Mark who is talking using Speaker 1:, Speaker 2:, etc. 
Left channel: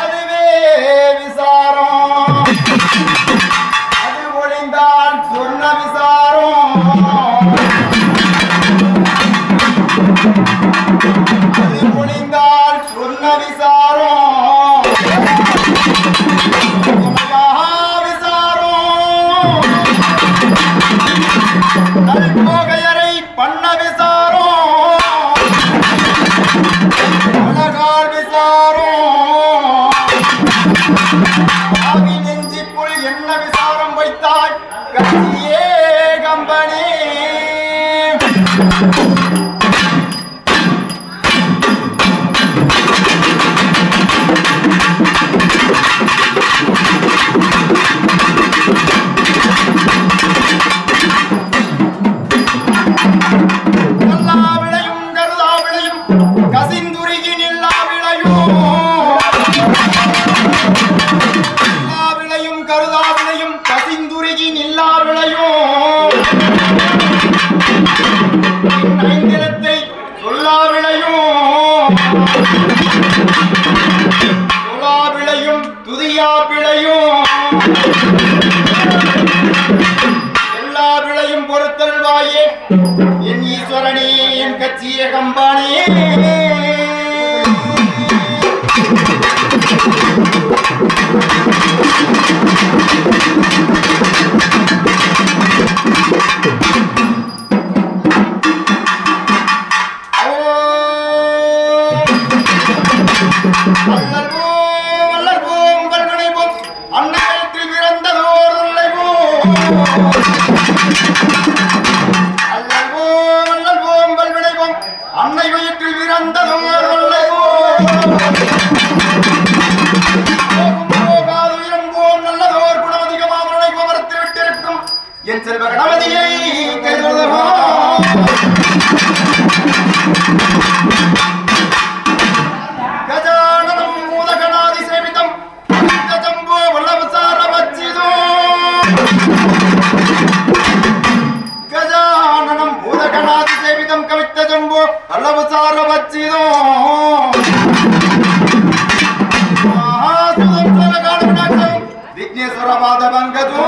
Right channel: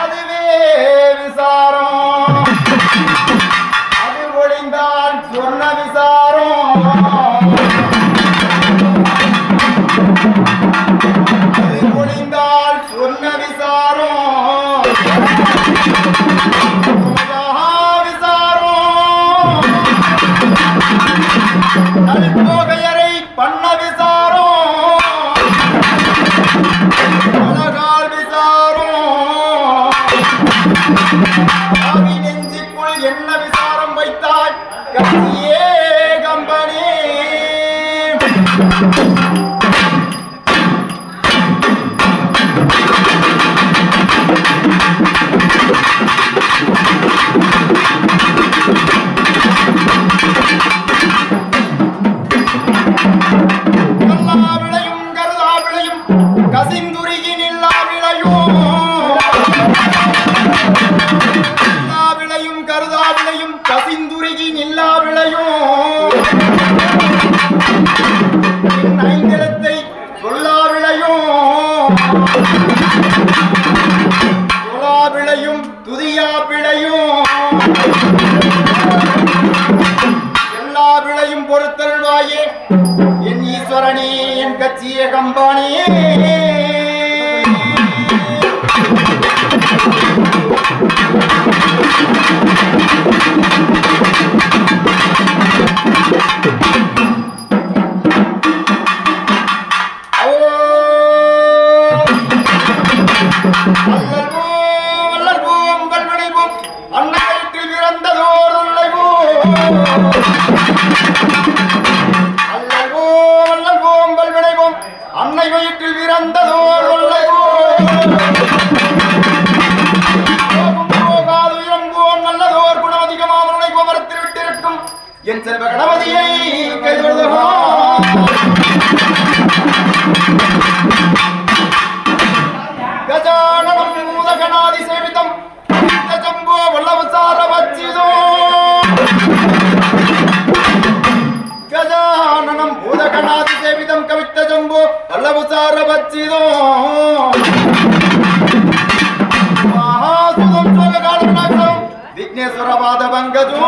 Speaker 1: அதுவே விசாரம். அது ஒளிந்தால் சொன்ன விசாரம். அது ஒளிந்தால் சொன்ன விசாரம். விசாரம். அது ஆவி நெஞ்சிக்குள் என்ன விசாரம் வைத்தாய்? கட்சியே கம்பனி. ஐந்திரத்தை சொல்லா விளையும் சொல்லா விளையும் துதியா விளையும் எல்லா விளையும் பொறுத்தல்வாயே என் ஈஸ்வரனே என் கட்சிய கம்பானே அல்லல்வோம் அல்லல்வோம் வல்வினைவோம் அன்னையத்தில் பிறந்ததோர் தொல்லைவோம் அல்லல்வோம் அல்லல்வோம் வல்வினைவோம் அன்னை வயிற்றில் பிறந்ததோர் தொல்லைவோம் போகும் போகாது இறங்குவோம் நல்லதோர் குணமதிகமாம் நுழைவோம் மரத்தில் விட்டிருக்கும் என் செல்வ கணபதியை கைதொழுதவோம் గజాననం భూతగణాది సేవితం కవిత్త జంబో అల్లవు సార విఘ్నేశ్వర పాద పంకజో